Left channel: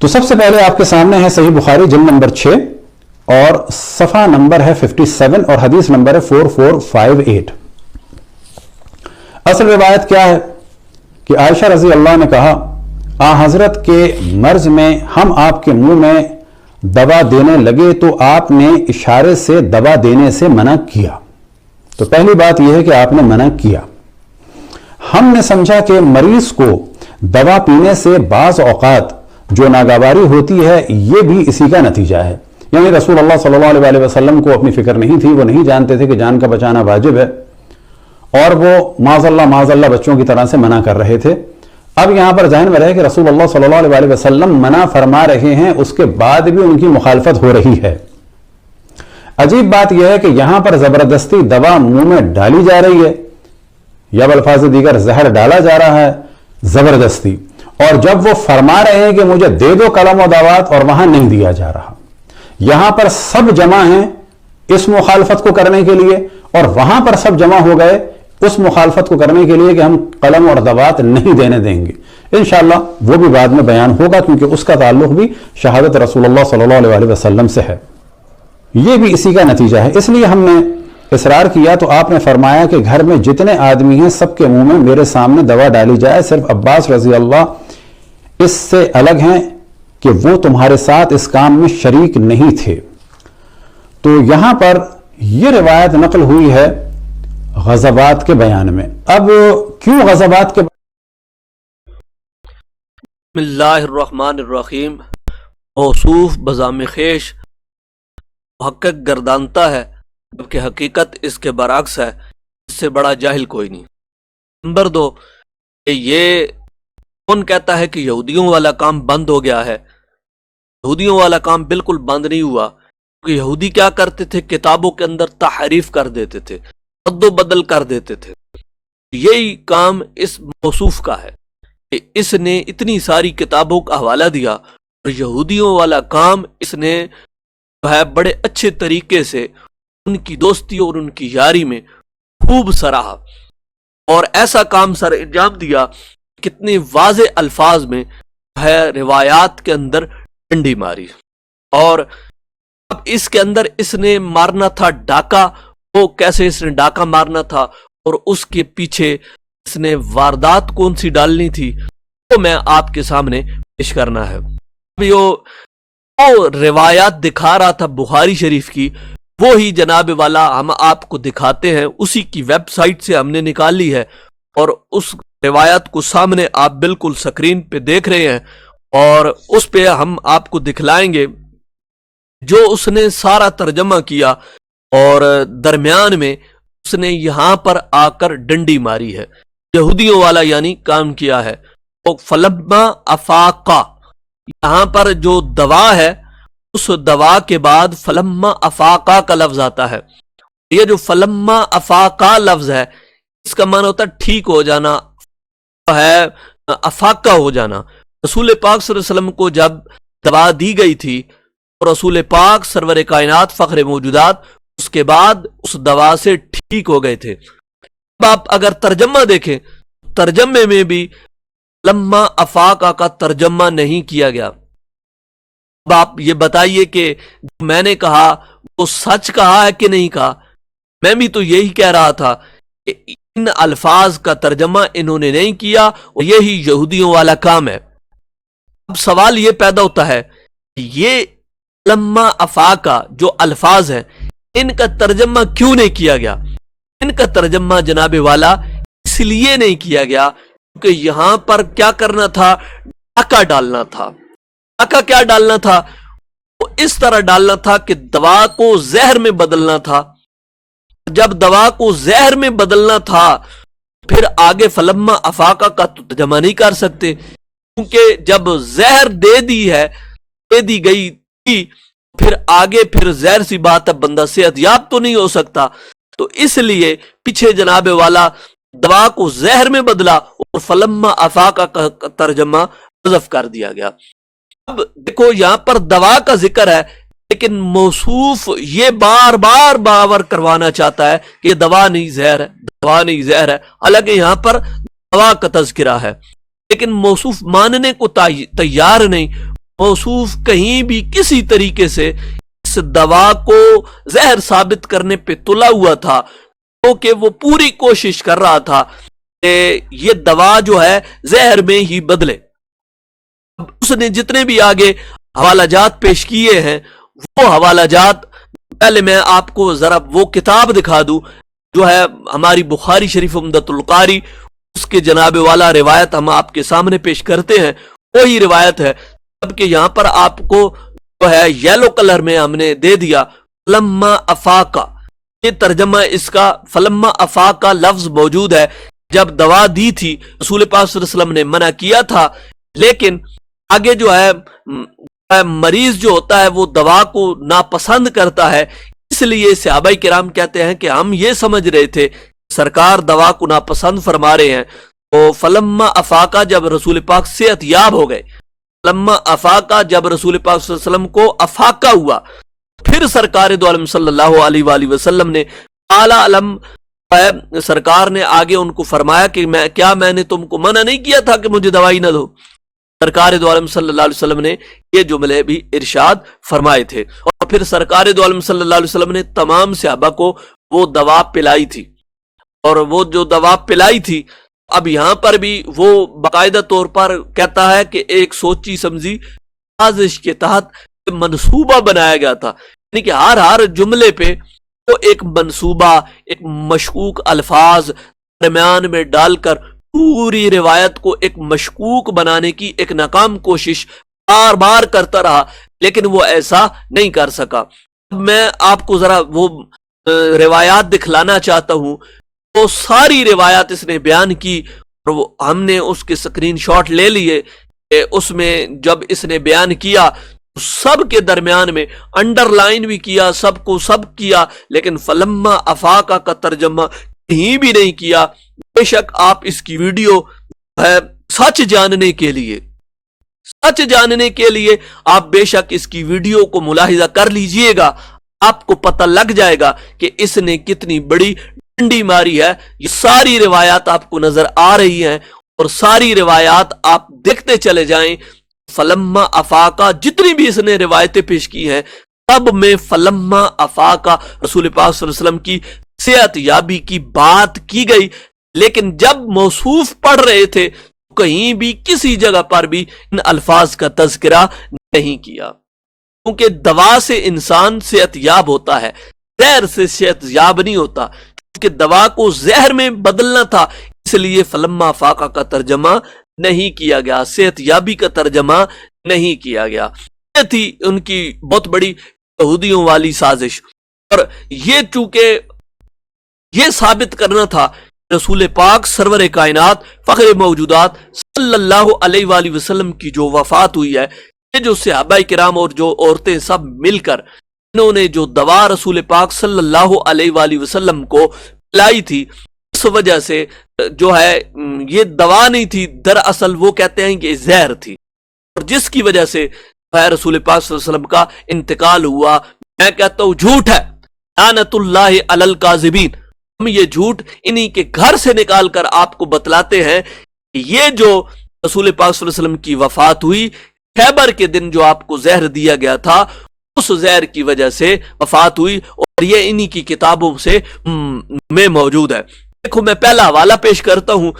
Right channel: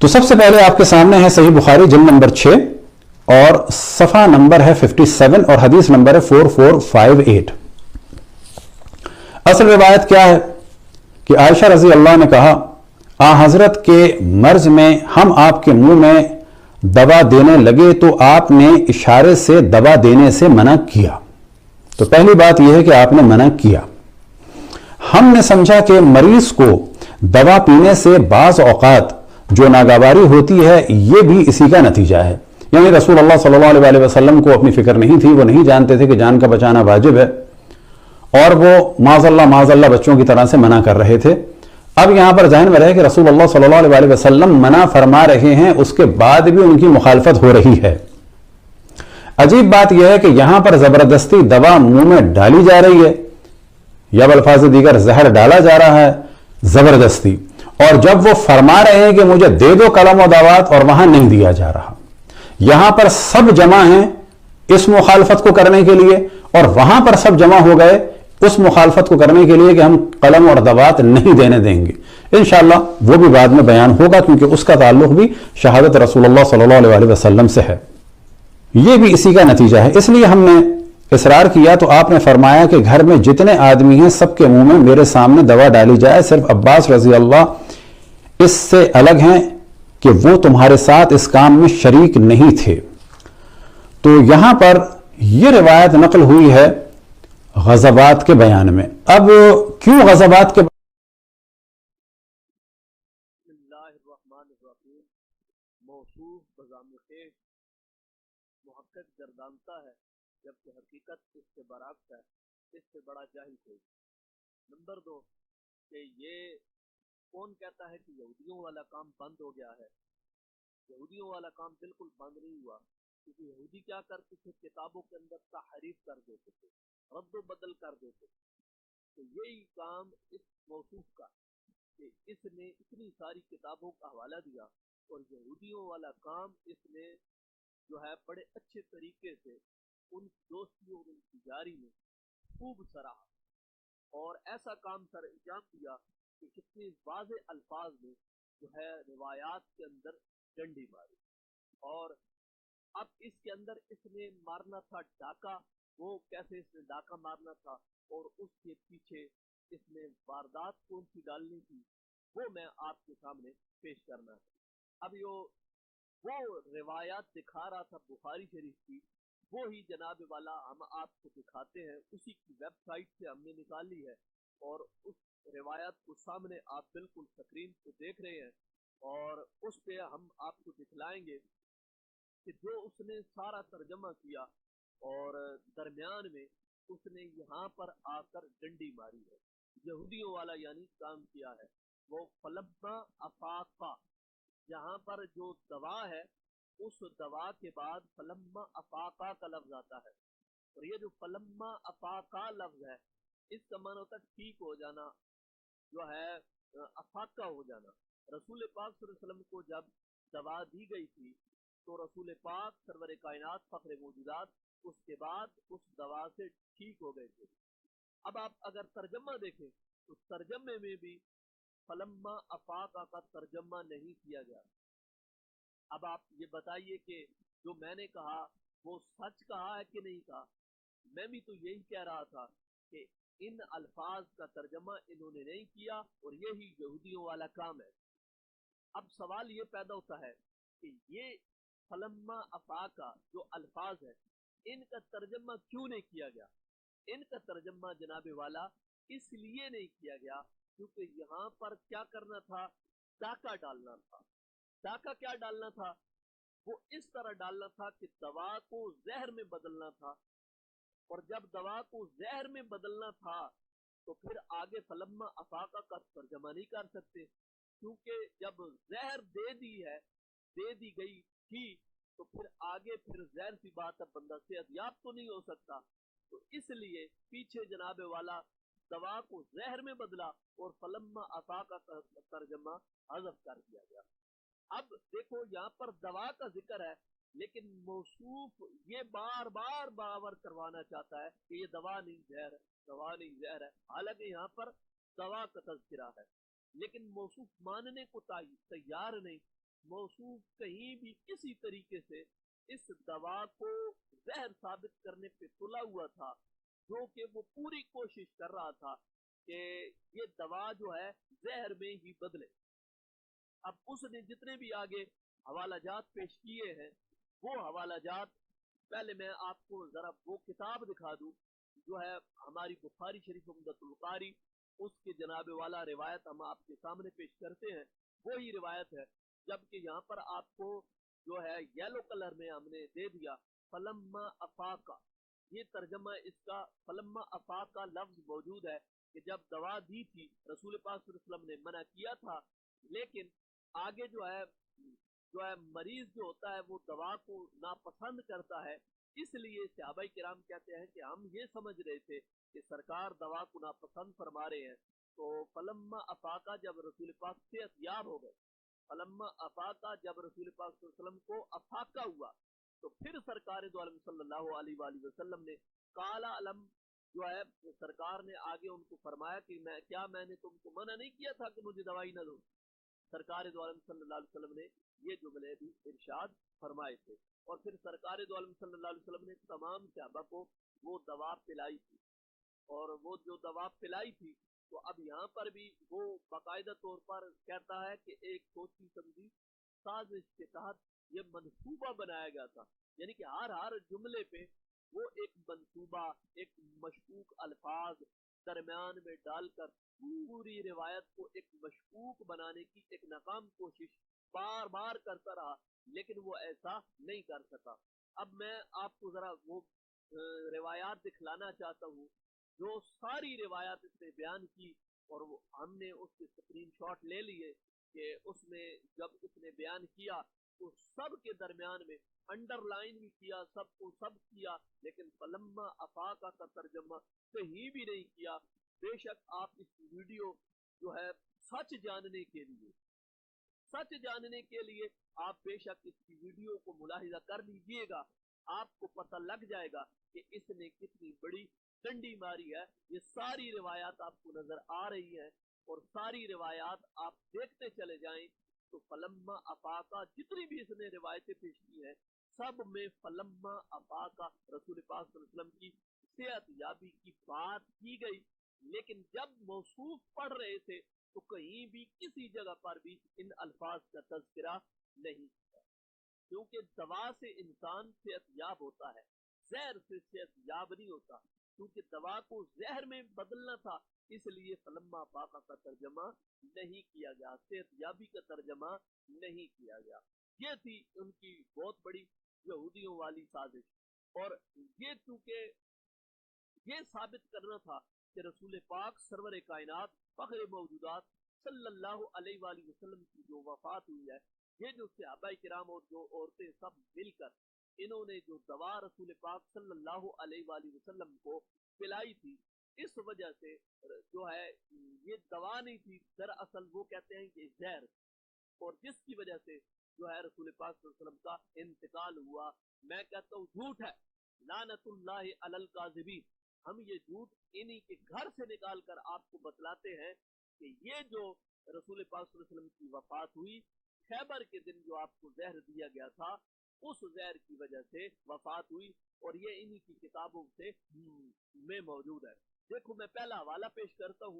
تو سب سے پہلے آپ کے سامنے ہے صحیح بخاری جلد نمبر 6 اور صفحہ نمبر ہے 57 اور حدیث نمبر ہے 4458. اصل روایت کیا ہے کہ عائشہ رضی اللہ نے کہا حضرت کے مرض میں ہم آپ کے منہ میں دوا دینے لگے تو آپ نے اشارے سے دوا دینے سے منع کیا. تو پہلی بات یہ ہے کہ آپ نے منع کیا. ہم نے سمجھا کہ مریض کو دوا پینے سے بعض اوقات جو ناگواری ہوتی ہے یہ بھی اسی کا نتیجہ ہے. یعنی رسول اللہ صلی اللہ علیہ وسلم کو اپنی فکر نہیں تھی، وہ نہیں جانتے تھے کہ جان کا بچانا واجب ہے، اور وہ معاذ اللہ بچوں کی طرح سے منع کر رہے تھے. اب یہاں پر ذہن میں رہے کہ رسول اللہ صلی اللہ علیہ وسلم منع فرما رہے ہیں، اس کے بعد بھی ان کی مخالفت ہو رہی ہے. عجیب بات یہ ہے کہ یہاں پر زبردستی دوا منہ میں ڈالی جا رہی ہے، یا بالفاظ دیگر زہر ڈالا جا رہا ہے زبردستی، اور جب وہ فرما رہے ہیں کہ مجھے دے دو قلم و دوات، اور وہاں نہیں دیا جا رہا. یہاں پر سب جمع ہیں اس مخالفت کو کرنے کے لیے، اور وہاں پر سب جمع ہو گئے اس مخالفت کو کرنے کے لیے کہ ہم قلم اور دوات نہیں دینے دیں گے. انشاءاللہ وہ بھی بعد میں بیان ہوگا، کیونکہ اس کا تعلق بھی شہادت رسول اللہ صلی اللہ علیہ وسلم سے ہے. یہ بھی اسی کا نتیجہ ہے. اس لیے ہم نے اصرار کیا تو آپ نے فرمایا کہ گھر میں جتنے آدمی ہیں سب کے منہ میں میرے سامنے دوا ڈالی جائے، صرف عباس رضی اللہ اس سے الگ ہیں کہ وہ تمہارے ساتھ اس کام میں شریک نہیں تھے. تو یہاں پر یہ روایت نقل ہوئی ہے غزوات کے بیان میں. اب کیوں غزوات کے بسم اللہ الرحمن الرحیم. موصوف بزام خیش محقق گردانتا ہے، جبکہ حقیقت اس کے برعکس ہے. اس سے بڑا جاہل کوئی نہیں. نمبر 2 کہ یہ کون کہتا ہے کہ یہودیوں والا کام بند ہو گیا ہے؟ یہودیوں والا کام بالکل بند نہیں ہوا، کیونکہ یہودی کیا کرتے تھے؟ کتابوں کے اندر تحریف کر دیتے تھے، رد و بدل کر دیتے تھے. یہی کام اس موصوف کا ہے کہ اس نے اتنی ساری کتابوں کا حوالہ دیا، اور یہودیوں والا کام اس نے جو ہے بڑے اچھے طریقے سے ان کی دوستی اور ان کی یاری میں خوب سراہا، اور ایسا کام سر انجام دیا کتنے واضح الفاظ میں ہے روایات کے اندر ڈنڈی ماری. اور اب اس کے اندر اس نے مارنا تھا ڈاکہ. وہ کیسے اس نے ڈاکہ مارنا تھا اور اس کے پیچھے اس نے واردات کون سی ڈالنی تھی، وہ میں آپ کے سامنے پیش کرنا ہے. وہ روایات دکھا رہا تھا بخاری شریف کی، وہی جناب والا ہم آپ کو دکھاتے ہیں. اسی کی ویب سائٹ سے ہم نے نکالی ہے، اور اس روایت کو سامنے آپ بالکل سکرین پہ دیکھ رہے ہیں، اور اس پہ ہم آپ کو دکھلائیں گے جو اس نے سارا ترجمہ کیا، اور درمیان میں اس نے یہاں پر آ کر ڈنڈی ماری ہے، یہودیوں والا یعنی کام کیا ہے. تو فلما افاقہ، یہاں پر جو دوا ہے اس دوا کے بعد فلما افاقہ کا لفظ آتا ہے. یہ جو فلما افاقہ لفظ ہے اس کا معنی ہوتا ہے ٹھیک ہو جانا، ہے افاقہ ہو جانا. رسول پاک صلی اللہ علیہ وسلم کو جب دوا دی گئی تھی تو رسول پاک سرور کائنات فخر موجودات اس کے بعد اس دوا سے ٹھیک ہو گئے تھے. اب آپ اگر ترجمہ دیکھیں، ترجمے میں بھی لما افاقہ کا ترجمہ نہیں کیا گیا. اب آپ یہ بتائیے کہ جو میں نے کہا وہ سچ کہا ہے کہ نہیں کہا؟ میں بھی تو یہی کہہ رہا تھا کہ ان الفاظ کا ترجمہ انہوں نے نہیں کیا، اور یہی یہودیوں والا کام ہے. اب سوال یہ پیدا ہوتا ہے کہ یہ لما افاقہ جو الفاظ ہیں ان کا ترجمہ کیوں نہیں کیا گیا؟ ان کا ترجمہ جناب والا اس لیے نہیں کیا گیا کیونکہ یہاں پر کیا کرنا تھا؟ ڈاکہ ڈالنا تھا. ڈاکہ کیا ڈالنا تھا؟ وہ اس طرح ڈالنا تھا کہ دوا کو زہر میں بدلنا تھا. جب دوا کو زہر میں بدلنا تھا پھر آگے فلما افاقہ کا ترجمہ نہیں کر سکتے، کیونکہ جب زہر دے دی گئی تھی پھر آگے پھر زہر سی بات ہے، بندہ صحت یاب تو نہیں ہو سکتا. تو اس لیے پیچھے جناب والا دوا کو زہر میں بدلا اور فلما افاقہ کا ترجمہ حذف کر دیا گیا. اب دیکھو یہاں پر دوا کا ذکر ہے، لیکن موصوف یہ بار بار باور کروانا چاہتا ہے کہ یہ دوا نہیں زہر ہے، دوا نہیں زہر ہے. حالانکہ یہاں پر دوا کا تذکرہ ہے، لیکن موصوف ماننے کو تیار نہیں. موصوف کہیں بھی کسی طریقے سے اس دوا کو زہر ثابت کرنے پہ تلا ہوا تھا، کیونکہ وہ پوری کوشش کر رہا تھا کہ یہ دوا جو ہے زہر میں ہی بدلے۔ اس نے جتنے بھی آگے حوالہ جات پیش کیے ہیں، وہ حوالہ جات پہلے میں آپ کو ذرا وہ کتاب دکھا دوں جو ہے ہماری بخاری شریف عمدۃ القاری، اس کے جناب والا روایت ہم آپ کے سامنے پیش کرتے ہیں، وہی روایت ہے، جبکہ یہاں پر آپ کو جو ہے یلو کلر میں ہم نے دے دیا فلما افاقہ، یہ ترجمہ اس کا فلما افاقہ لفظ موجود ہے۔ جب دوا دی تھی رسول پاک صلی اللہ علیہ وسلم نے منع کیا تھا، لیکن آگے جو ہے مریض جو ہوتا ہے وہ دوا کو ناپسند کرتا ہے، اس لیے صحابہ کرام کہتے ہیں کہ ہم یہ سمجھ رہے تھے سرکار دوا کو ناپسند فرما رہے ہیں، تو فلما افاقہ جب رسول پاک صحت یاب ہو گئے، فلما افاقہ جب رسول پاک صلی اللہ علیہ وسلم کو افاقہ ہوا، پھر سرکار دو عالم صلی اللہ علیہ وآلہ وسلم نے اعلیٰ علم سرکار نے آگے ان کو فرمایا کہ میں نے تم کو منع نہیں کیا تھا کہ مجھے دوائی نہ دو؟ سرکار دو عالم صلی اللہ علیہ وسلم نے یہ جملے بھی ارشاد فرمائے تھے، اور پھر سرکار دو عالم صلی اللہ علیہ وسلم نے تمام صحابہ کو وہ دوا پلائی تھی، اور وہ جو دوا پلائی تھی اب یہاں پر بھی وہ باقاعدہ طور پر کہتا ہے کہ ایک سوچی سمجھی سازش کے تحت منصوبہ بنایا گیا تھا، یعنی کہ ہر جملے پہ وہ ایک منصوبہ، ایک مشکوک الفاظ درمیان میں ڈال کر پوری روایت کو ایک مشکوک بنانے کی ایک ناکام کوشش بار بار کرتا رہا، لیکن وہ ایسا نہیں کر سکا۔ میں آپ کو ذرا وہ روایات دکھلانا چاہتا ہوں، وہ ساری روایات اس نے بیان کی، اور ہم نے اس کے سکرین شاٹ لے لیے کہ اس میں جب اس نے بیان کیا سب کے درمیان میں انڈر لائن بھی کیا، سب کو سب کیا، لیکن فلما افاقہ کا ترجمہ کہیں بھی نہیں کیا۔ بے شک آپ اس کی ویڈیو ہے سچ جاننے کے لیے آپ بے شک اس کی ویڈیو کو ملاحظہ کر لیجئے گا، آپ کو پتہ لگ جائے گا کہ اس نے کتنی بڑی ڈنڈی ماری ہے۔ یہ ساری روایات آپ کو نظر آ رہی ہیں، اور ساری روایات آپ دیکھتے چلے جائیں۔ فلما افاقہ جتنی بھی اس نے روایتیں پیش کی ہیں، سب میں فلما افاقہ رسول پاک صلی اللہ علیہ وسلم کی صحت یابی کی بات کی گئی، لیکن جب موصوف پڑھ رہے تھے کہیں بھی کسی جگہ پر بھی ان الفاظ کا تذکرہ نہیں کیا، کیونکہ دوا سے انسان صحت یاب ہوتا ہے، زہر سے صحت یاب نہیں ہوتا، کیونکہ دوا کو زہر میں بدلنا تھا، اس لیے فلما فاقہ کا ترجمہ نہیں کیا گیا، صحت یابی کا ترجمہ نہیں کیا گیا۔ یہ تھی ان کی بہت بڑی یہودیوں والی سازش، اور یہ چونکہ یہ ثابت کرنا تھا رسول پاک سرور کائنات فخر موجودات صلی اللہ علیہ وآلہ وسلم کی جو وفات ہوئی ہے، یہ جو صحابہ کرام اور جو عورتیں سب مل کر انہوں نے جو دوا رسول پاک صلی اللہ علیہ وآلہ وسلم کو پلائی تھی، اس وجہ سے جو ہے یہ دوا نہیں تھی، دراصل وہ کہتے ہیں کہ زہر تھی، اور جس کی وجہ سے رسول پاک صلی اللہ علیہ وسلم کا انتقال ہوا۔ میں کہتا ہوں جھوٹ ہے، لعنت اللہ علی الکاذبین۔ ہم یہ جھوٹ انہی کے گھر سے نکال کر آپ کو بتلاتے ہیں کہ یہ جو رسول پاک صلی اللہ علیہ وسلم کی وفات ہوئی، خیبر کے دن جو آپ کو زہر دیا گیا تھا، اس زہر کی وجہ سے وفات ہوئی، اور یہ انہی کی کتابوں سے میں موجود ہے۔ دیکھو میں پہلا حوالہ پیش کرتا ہوں،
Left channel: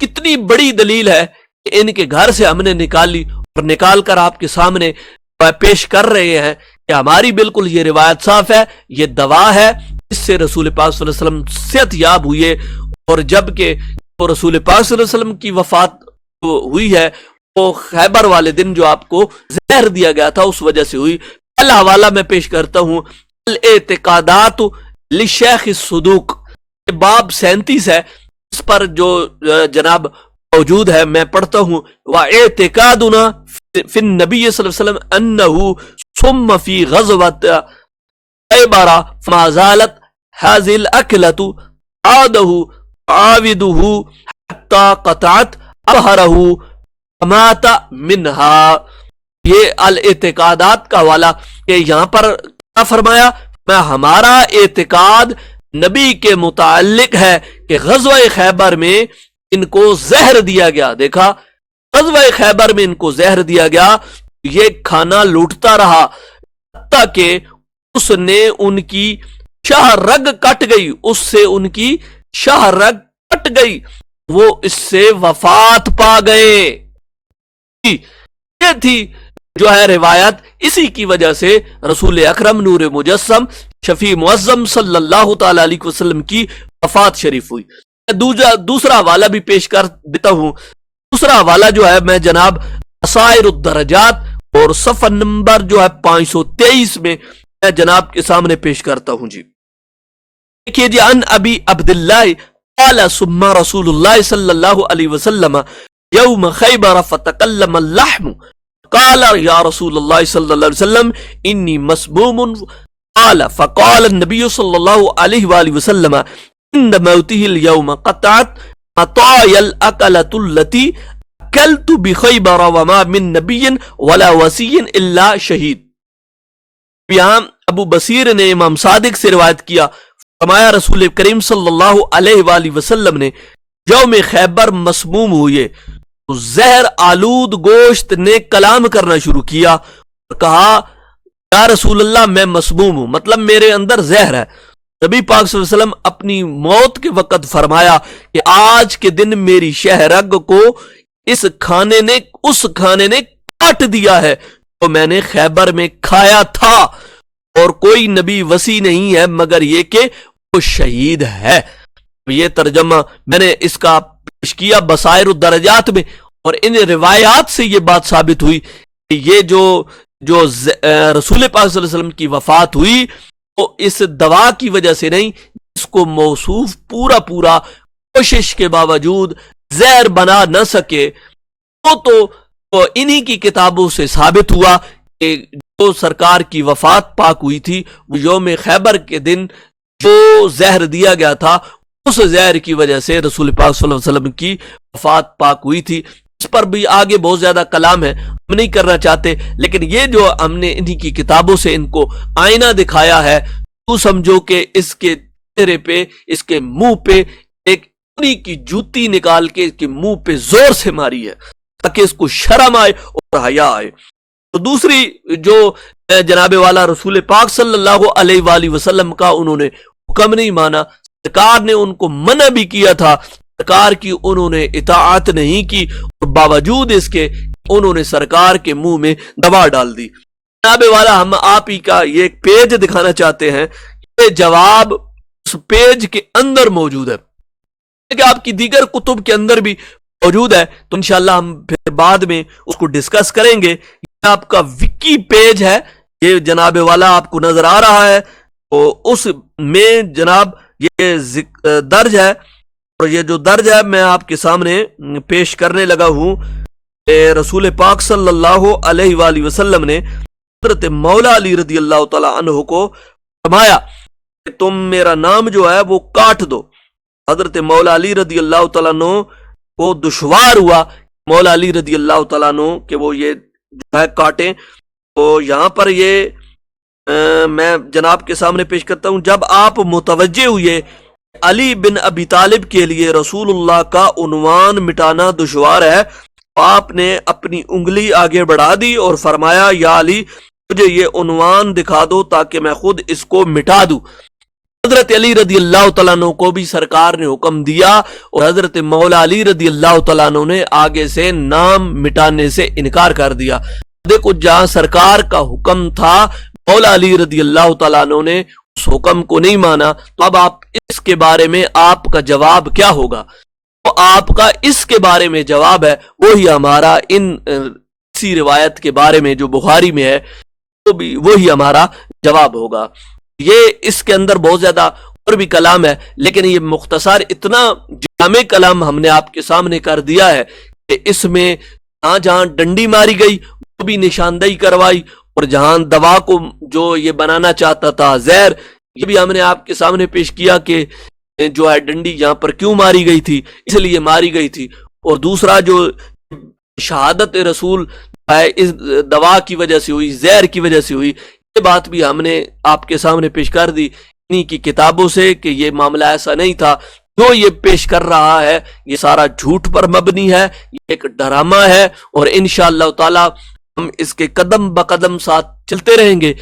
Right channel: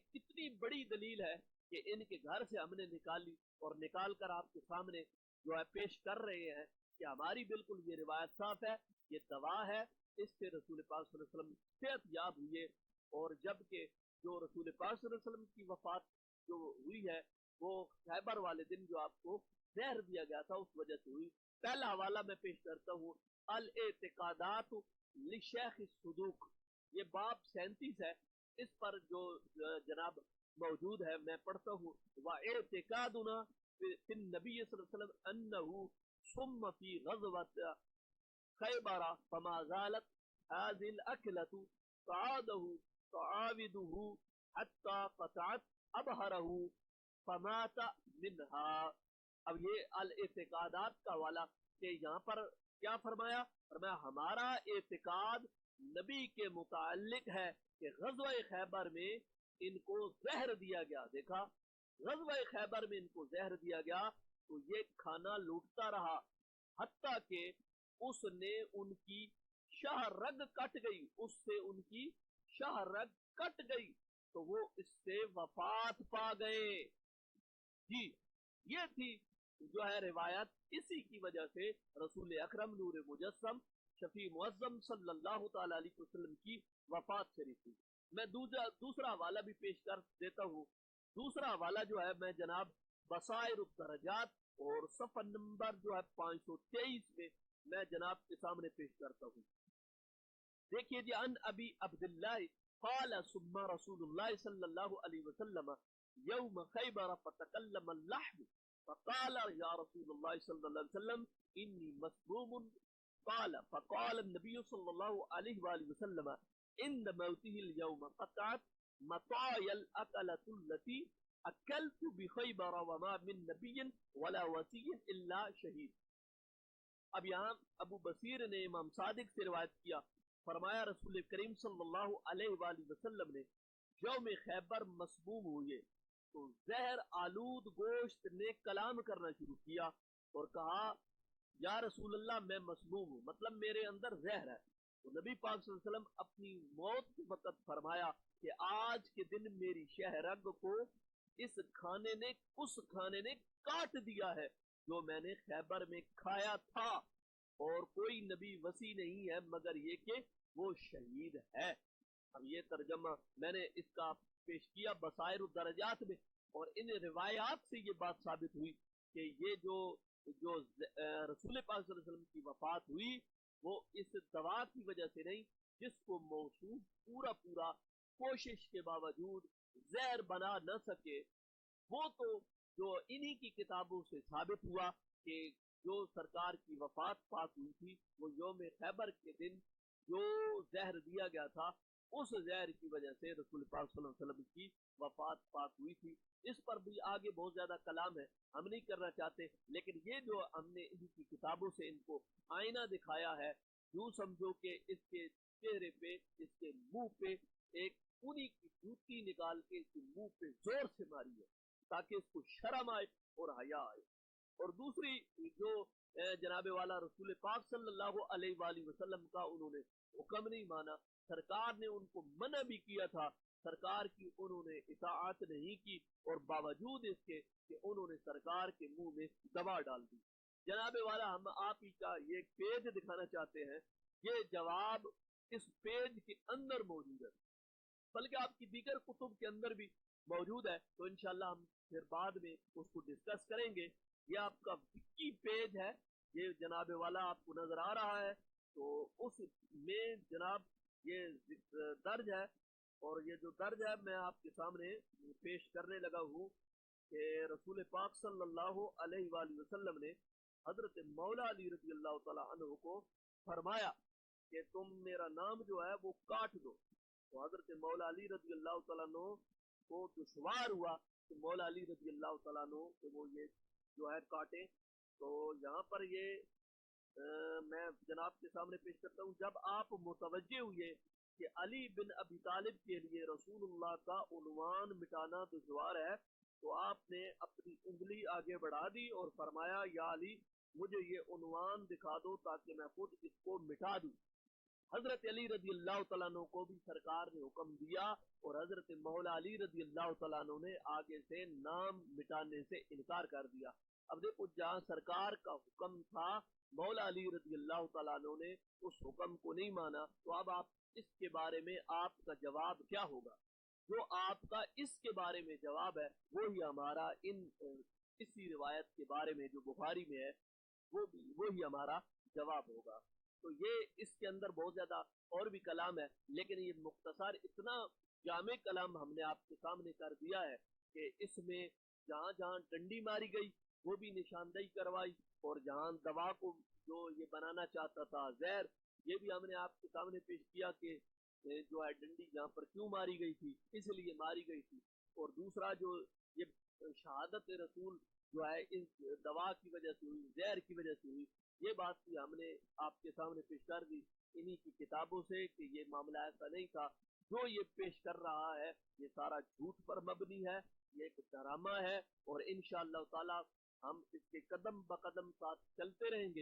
کتنی بڑی دلیل ہے کہ ان کے گھر سے ہم نے نکالی اور نکال کر آپ کے سامنے پیش کر رہے ہیں کہ ہماری بالکل یہ روایت صاف ہے، یہ دوا ہے، اس سے رسول پاک صلی اللہ علیہ وسلم صحت یاب ہوئے، اور جبکہ وہ رسول پاک صلی اللہ علیہ وسلم کی وفات ہوئی ہے وہ خیبر والے دن جو آپ کو زہر دیا گیا تھا اس وجہ سے ہوئی۔ پہلا حوالہ میں پیش کرتا ہوں، الاعتقادات لشیخ الصدوق، باب 37 ہے، اس پر جو جناب موجود ہے میں پڑھتا ہوں۔ وَاعْتِقَادُنَا فِي النَّبِيِّ صلی اللہ علیہ وسلم أَنَّهُ ثُمَّ فِي غَزْوَةِ خیبر فما زالت هذه الأكلة عاده عاوده حتى قطعت أظهره فمات منها۔ یہ الاعتقادات کا حوالہ کہ یہاں پر کیا فرمایا، میں ہمارا اعتقاد نبی کے متعلق ہے کہ غزوہ خیبر میں ان کو زہر دیا گیا۔ دیکھا غزوہ خیبر میں ان کو زہر دیا گیا، یہ کھانا لوٹتا رہا حتیٰ کہ اس نے ان کی شاہ رگ کٹ گئی، اس سے ان کی شاہ رگ کٹ گئی، وہ اس سے وفات پا گئے۔ یہ تھی جو ہے روایت، اسی کی وجہ سے رسول اکرم نور مجسم شفیع معظم صلی اللہ تعالی علیہ وسلم کی وفات شریف ہوئی۔ دوسرا حوالہ بھی پیش کر دیتا ہوں۔ دوسرا حوالہ جو ہے میں جناب بصائر الدرجات اور صفحہ نمبر جو ہے 523 میں میں جناب کے سامنے پیش کرتا ہوں۔ جی دیکھیے جی، ان ابی عبداللہ قال ثم رسول اللہ صلی اللہ علیہ وسلم یوم خیبر فتکلم اللحم قال یا رسول اللہ صلی اللہ علیہ وسلم انی مسموم قال فقال النبی صلی اللہ علیہ وآلہ وسلم عند موته اليوم قطعت مطايا الأكلة التي أكلت بخيبر وما من نبي ولا وصي إلا شہید۔ یہاں ابو بصیر نے امام صادق سے روایت کیا، فرمایا رسول کریم صلی اللہ علیہ وآلہ وسلم نے یوم خیبر مسموم ہوئے تو زہر آلود گوشت نے کلام کرنا شروع کیا اور کہا یا رسول اللہ میں مسموم ہوں، مطلب میرے اندر زہر ہے۔ نبی پاک صلی اللہ علیہ وسلم اپنی موت کے وقت فرمایا کہ آج کے دن میری شہرگ کو اس کھانے نے کاٹ دیا ہے تو میں نے خیبر میں کھایا تھا، اور کوئی نبی وصی نہیں ہے مگر یہ کہ وہ شہید ہے۔ یہ ترجمہ میں نے اس کا پیش کیا بصائر الدرجات میں، اور ان روایات سے یہ بات ثابت ہوئی کہ یہ جو رسول پاک صلی اللہ علیہ وسلم کی وفات ہوئی وہ اس دوا کی وجہ سے نہیں، اس کو موصوف پورا کوشش کے باوجود زہر بنا نہ سکے، تو انہی کی کتابوں سے ثابت ہوا کہ جو سرکار کی وفات پاک ہوئی تھی وہ یوم خیبر کے دن جو زہر دیا گیا تھا اس زہر کی وجہ سے رسول پاک صلی اللہ علیہ وسلم کی وفات پاک ہوئی تھی۔ اس پر بھی آگے بہت زیادہ کلام ہے، ہم نہیں کرنا چاہتے، لیکن یہ جو ہم نے انہی کی کتابوں سے ان کو آئینہ دکھایا ہے، تو سمجھو کہ اس کے چہرے پہ، اس کے منہ پہ ایک انہی کی جوتی نکال کے اس کے منہ پہ زور سے ماری ہے تاکہ اس کو شرم آئے اور حیا آئے۔ تو دوسری جو جناب والا رسول پاک صلی اللہ علیہ وآلہ وسلم کا انہوں نے حکم نہیں مانا، سرکار نے ان کو منع بھی کیا تھا، سرکار کی انہوں نے اطاعت نہیں کی، اور باوجود اس کے انہوں نے سرکار کے منہ میں دوا ڈال دی۔ جناب والا ہم آپ ہی کا یہ پیج دکھانا چاہتے ہیں، یہ جواب اس پیج کے اندر موجود ہے کہ آپ کی دیگر کتب کے اندر بھی موجود ہے، تو انشاءاللہ ہم پھر بعد میں اس کو ڈسکس کریں گے۔ یہ آپ کا وکی پیج ہے، یہ جناب والا آپ کو نظر آ رہا ہے، تو اس میں جناب یہ درج ہے، اور یہ جو درج ہے میں آپ کے سامنے پیش کرنے لگا ہوں۔ رسول پاک صلی اللہ علیہ وآلہ وسلم نے حضرت مولا علی رضی اللہ تعالی عنہ کو فرمایا کہ تم میرا نام جو ہے وہ کاٹ دو۔ حضرت مولا علی رضی اللہ تعالیٰ عنہ کو دشوار ہوا مولا علی رضی اللہ تعالیٰ عنہ کہ وہ یہ جو ہے کاٹیں، تو یہاں پر یہ میں جناب کے سامنے پیش کرتا ہوں۔ جب آپ متوجہ ہوئے علی بن ابی طالب کے لیے رسول اللہ کا عنوان مٹانا دشوار ہے، تو آپ نے اپنی انگلی آگے بڑھا دی اور فرمایا یا علی مجھے یہ عنوان دکھا دو تاکہ میں خود اس کو مٹا دوں۔ حضرت علی رضی اللہ تعالیٰ عنہ کو بھی سرکار نے حکم دیا، اور حضرت مولا علی رضی اللہ تعالیٰ عنہ نے آگے سے نام مٹانے سے انکار کر دیا۔ دیکھو جہاں سرکار کا حکم تھا مولا علی رضی اللہ تعالیٰ عنہ نے اس حکم کو نہیں مانا، تو اب آپ اس کے بارے میں آپ کا جواب کیا ہوگا؟ تو آپ کا اس کے بارے میں جواب ہے وہی ہمارا اسی روایت کے بارے میں جو بخاری میں ہے وہی ہمارا جواب ہوگا۔ یہ اس کے اندر بہت زیادہ اور بھی کلام ہے، لیکن یہ مختصر اتنا جامع کلام ہم نے آپ کے سامنے کر دیا ہے کہ اس میں جہاں ڈنڈی ماری گئی وہ بھی نشاندہی کروائی، اور جہاں دوا کو جو یہ بنانا چاہتا تھا زہر، یہ بھی ہم نے آپ کے سامنے پیش کیا کہ جو ہے ڈنڈی یہاں پر کیوں ماری گئی تھی، اس لیے ماری گئی تھی، اور دوسرا جو شہادت رسول ہے اس دوا کی وجہ سے ہوئی، زہر کی وجہ سے ہوئی، یہ بات بھی ہم نے آپ کے سامنے پیش کر دی انہی کی کتابوں سے کہ یہ معاملہ ایسا نہیں تھا۔ جو یہ پیش کر رہا ہے یہ سارا جھوٹ پر مبنی ہے، یہ ایک ڈرامہ ہے، اور انشاءاللہ تعالی ہم اس کے قدم بقدم ساتھ چلتے رہیں گے۔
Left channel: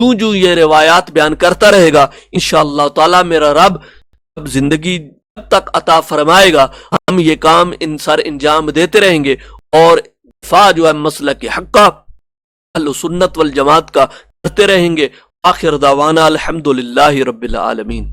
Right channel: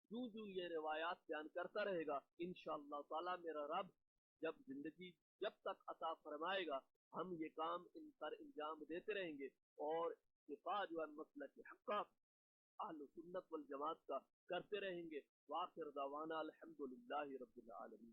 جو یہ روایات بیان کرتا رہے گا انشاءاللہ تعالی میرا رب زندگی جب تک عطا فرمائے گا ہم یہ کام سر انجام دیتے رہیں گے، اور دفاع جو ہے مسلک حق کا، اہل سنت والجماعت کا کرتے رہیں گے۔ آخر دعوانا الحمدللہ رب العالمین۔